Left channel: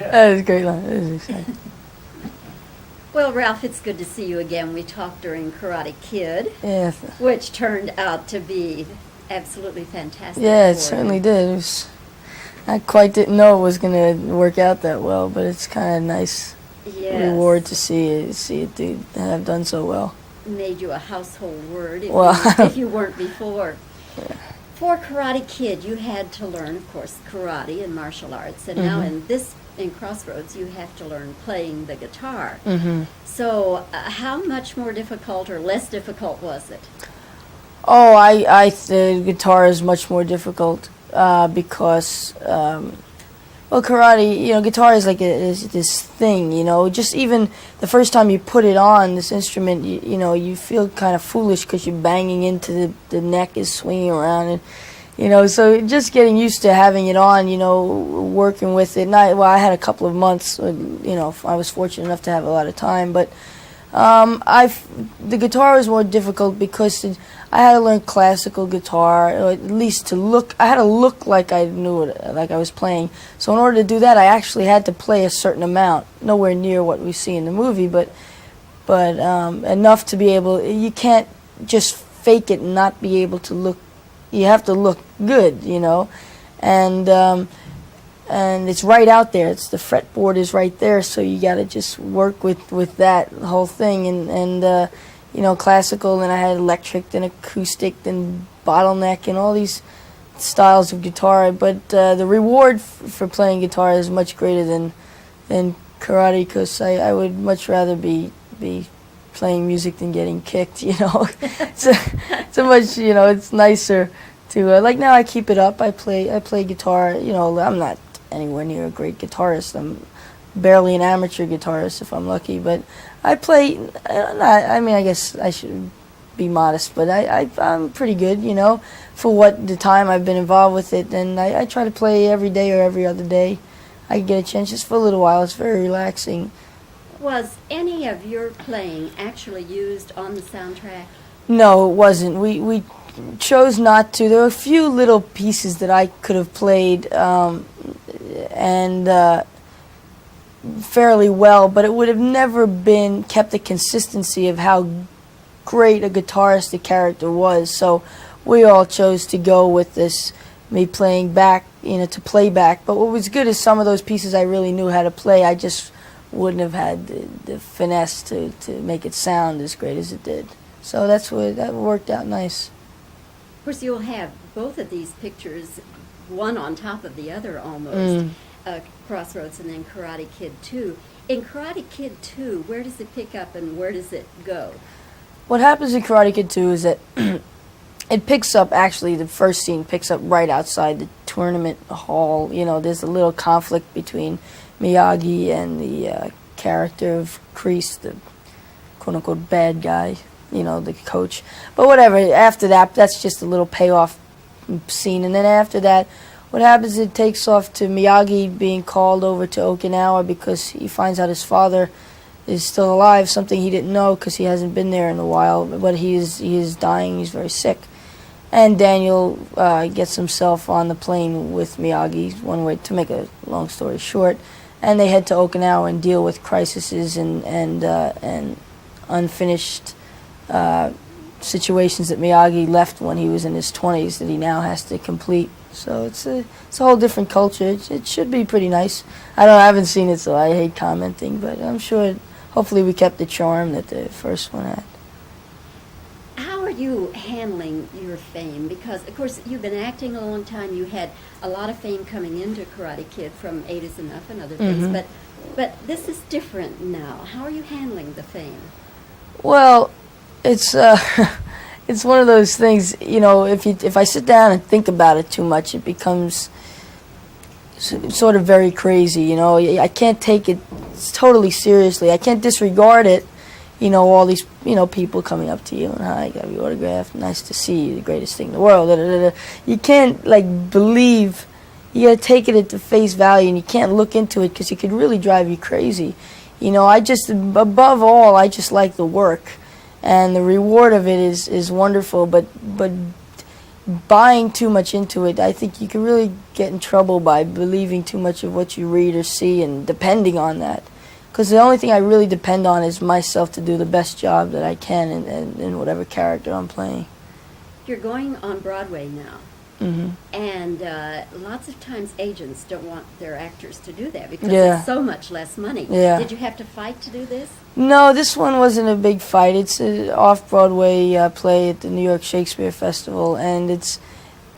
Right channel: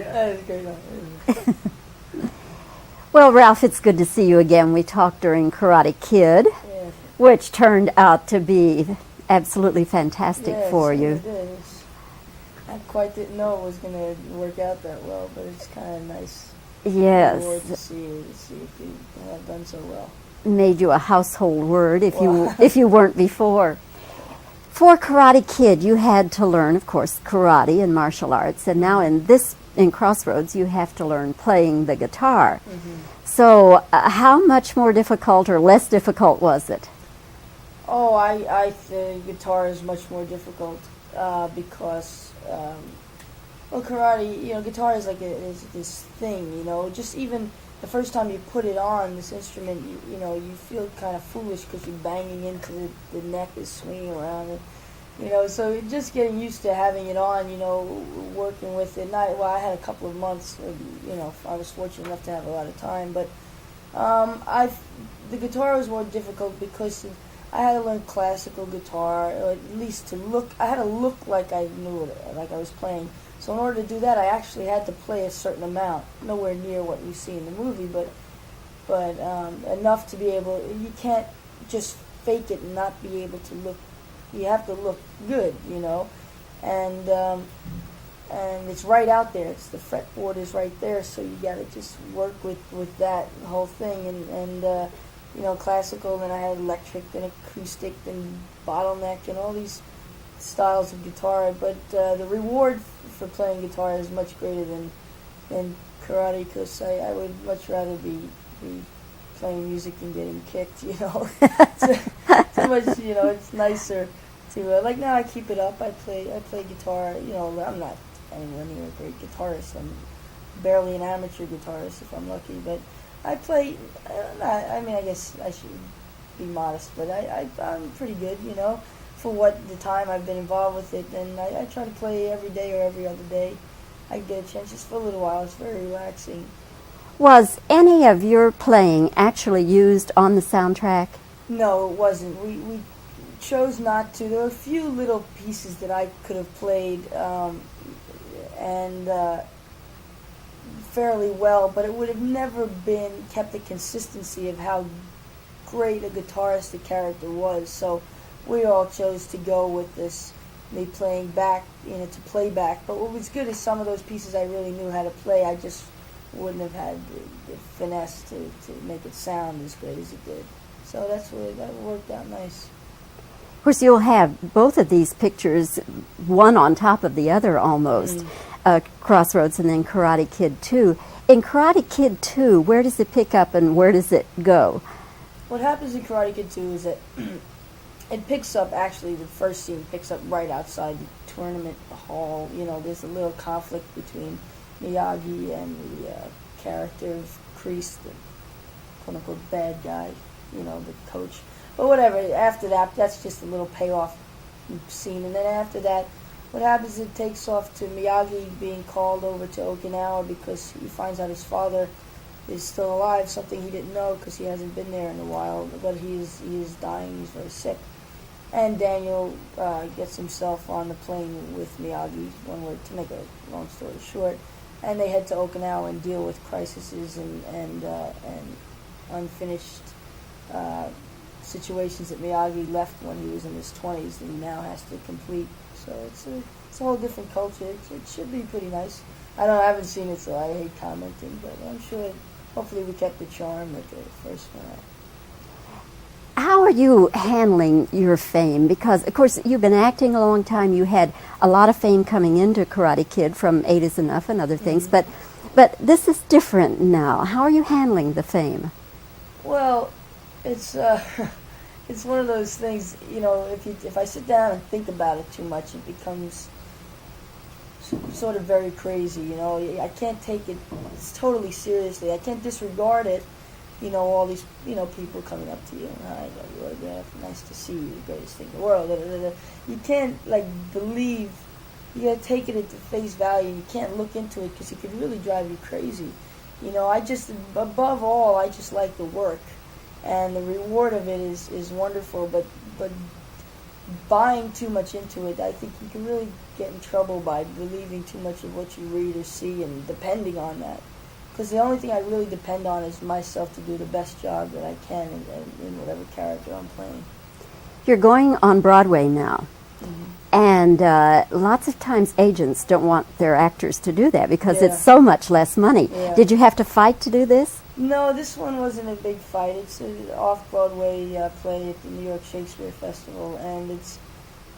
That was a great line. Well, Ralph, it's good to see you again. We talked during Karate Kid, Yeah. which turned out to be absolutely fantastic Yeah, it for certainly you. did. It was, I quite didn't know it was going to work out that well, but it's kind of nice Yes. reward to see it have done so well. Made you a household word if, Well, if you weren't before. For Karate Kid, you had to learn, of course, karate and martial arts, and now in Crossroads, you have to learn playing the guitar. So, how much more difficult or less difficult was it? Oh, the guitar is much more difficult because, well, karate, guitar is like is this thing, just even the first time you put it on, this instrument, you feel kind of foolish because you're banging into the neck is swinging around, and, so just getting used to having it on, working with it. And I had a couple of months, I was fortunate enough to have a lot of time, but the guitar was more difficult because I had to learn classical guitar, or at least I had to look like I knew it, like I was playing. So in order to do that, I actually had to play a certain amount, nowhere near what we see in the movie, but enough to be able. You can't just fake it and not be able to look. You have to look good, and it's right out there. It's the fretboard is right there, so you got to just work with that whole thing and classical, and I had electric, then acoustic, then bottleneck, and all these styles of guitar. But the reward for playing guitar is much greater than karate, because I would much rather be playing music than getting kicked. So much, it's nicer to like now. I keep it up. I play guitar. I'm not anywhere near a great guitarist. I'm barely an amateur guitarist if I'm lucky, but I play. I guess I should be modest, but I'm pretty good, for what the time I've been involved with it. And I try to play every day or every other day. I get a chance just for a little while. It's very relaxing. Was any of your playing actually used on the soundtrack? No, it wasn't. We chose not to. There were a few little pieces that I could have played, and fairly well, but it would have never kept the consistency of how great a guitarist the character was. So we all chose to go with this, me playing back, to play back. But what was good is some of those pieces I really knew how to play. I just wouldn't have had the finesse to make it sound as great as it did. So that worked out nice. Of course, you'll have both of these pictures, one on top of the other almost, Crossroads and then Karate Kid 2. In Karate Kid 2, where does it pick up and where does it go? What happens in Karate Kid 2 is that it picks up, actually, the first scene picks up right outside the tournament hall. There's a little conflict between Miyagi and the character of Kreese, the quote-unquote bad guy, the coach. But whatever, after that, that's just a little payoff scene. And then after that, what happens is it takes off to Miyagi being called over to Okinawa because he finds out his father is still alive, something he didn't know because he hasn't been there in a while, but he is dying, he's very sick. And Daniel gets himself on the plane with Miyagi, one way to make a long story short, and they head to Okinawa and deal with crises and unfinished situations that Miyagi left when he was in his 20s that he now has to complete. So it's a whole different culture. It should be pretty nice. I haven't seen it, so I hate commenting, but I'm sure hopefully we kept the charm that the first one had. How are you handling your fame? Because, of course, you've been acting a long time. You had a lot of fame coming into Karate Kid from 8 is Enough and other things, but this is different now. How are you handling the fame? Well, it's it's one of those things, if I sit down and think about it too much, it becomes sort of very crazy, I can't take it totally seriously. I can't disregard it, all these, people coming up to you and, hi, I got your autograph, nice to see you, the greatest thing in the world. Da, da, da, da. You can't, believe, you got to take it at the face value, and you can't look into it because it could really drive you crazy. Above all, I just like the work. And the reward of it is wonderful, but buying too much into it. I think you can really get in trouble by believing too much of what you read or see and depending on that. Because the only thing I really depend on is myself to do the best job that I can in whatever character I'm playing. You're going on Broadway now. And lots of times agents don't want their actors to do that because it's so much less money. Did you have to fight to do this? No, this one wasn't a big fight. It's an off-Broadway play at the New York Shakespeare Festival, and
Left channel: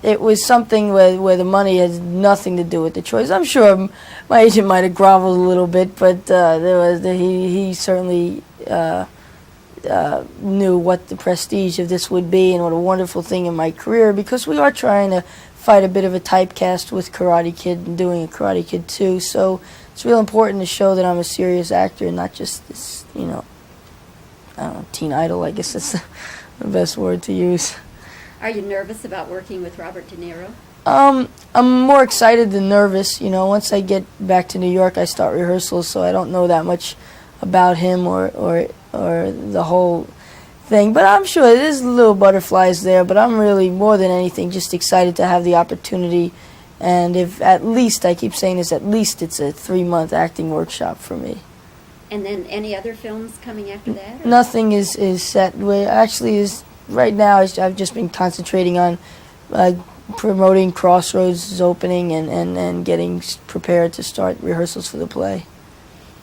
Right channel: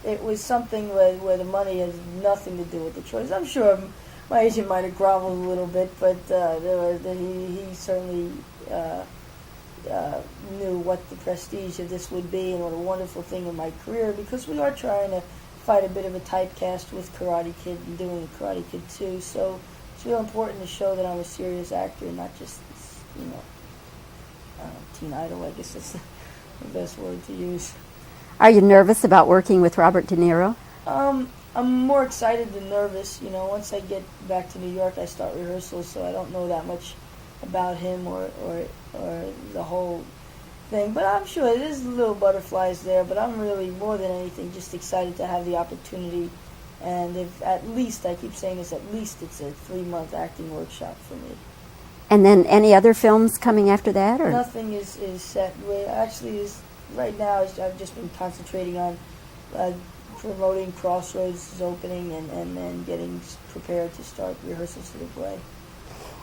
it was something where the money has nothing to do with the choice. I'm sure my agent might have groveled a little bit, but he certainly knew what the prestige of this would be and what a wonderful thing in my career, because we are trying to fight a bit of a typecast with Karate Kid and doing a Karate Kid 2, so it's real important to show that I'm a serious actor and not just this, I don't know, teen idol, I guess that's the best word to use. Are you nervous about working with Robert De Niro? I'm more excited than nervous. Once I get back to New York, I start rehearsals, so I don't know that much about him or the whole thing. But I'm sure there's little butterflies there, but I'm really, more than anything, just excited to have the opportunity. And if at least, I keep saying this, at least it's a 3-month acting workshop for me. And then any other films coming after that? Or? Nothing is set. Right now, I've just been concentrating on promoting Crossroads' opening and getting prepared to start rehearsals for the play.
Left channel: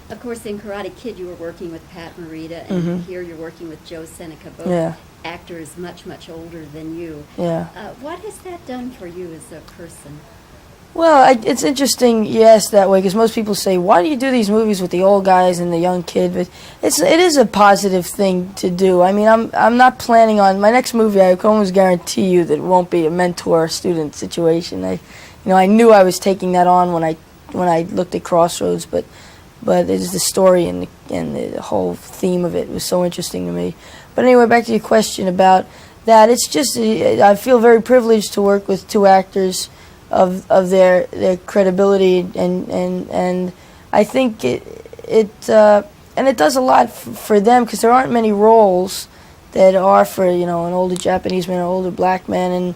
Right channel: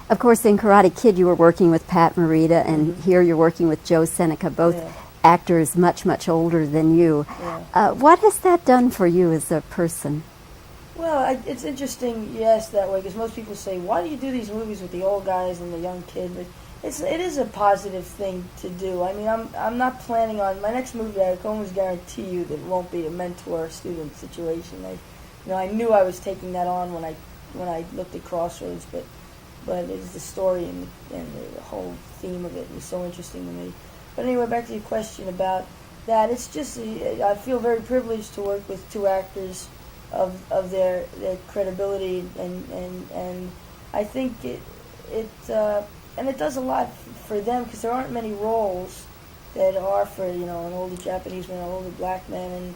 Of course, in Karate Kid, you were working with Pat Morita, and here you're working with Joe Seneca, both actors much, much older than you. What has that done for you as a person? Well, it's interesting you ask that way, because most people say, why do you do these movies with the old guys and the young kid? But it is a positive thing to do. I mean, I'm not planning on my next movie. I can almost guarantee you that it won't be a mentor-student situation. I knew I was taking that on when I looked at Crossroads, but it's the story and the whole theme of it was so interesting to me. But anyway, back to your question about that. It's just I feel very privileged to work with two actors of their credibility, and I think it does a lot for them, because there aren't many roles that are for an older Japanese man or older black man,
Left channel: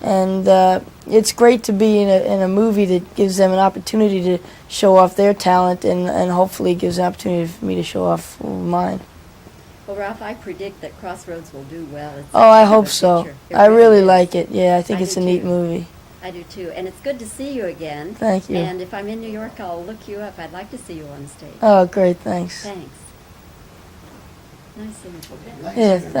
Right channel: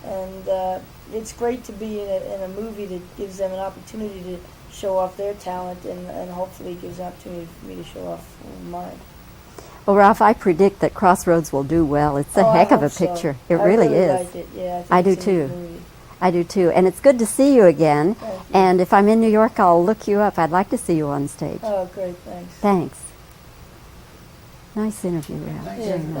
and it's great to be in a movie that gives them an opportunity to show off their talent, and hopefully gives an opportunity for me to show off mine. Well, Ralph, I predict that Crossroads will do well. It's a heck of a picture. I really like it. Yeah, I think it's a neat movie. I do too, and it's good to see you again. Thank you. And if I'm in New York, I'll look you up. I'd like to see you on stage. Oh, great, thanks. Thanks. Nice interview. Yeah, thanks.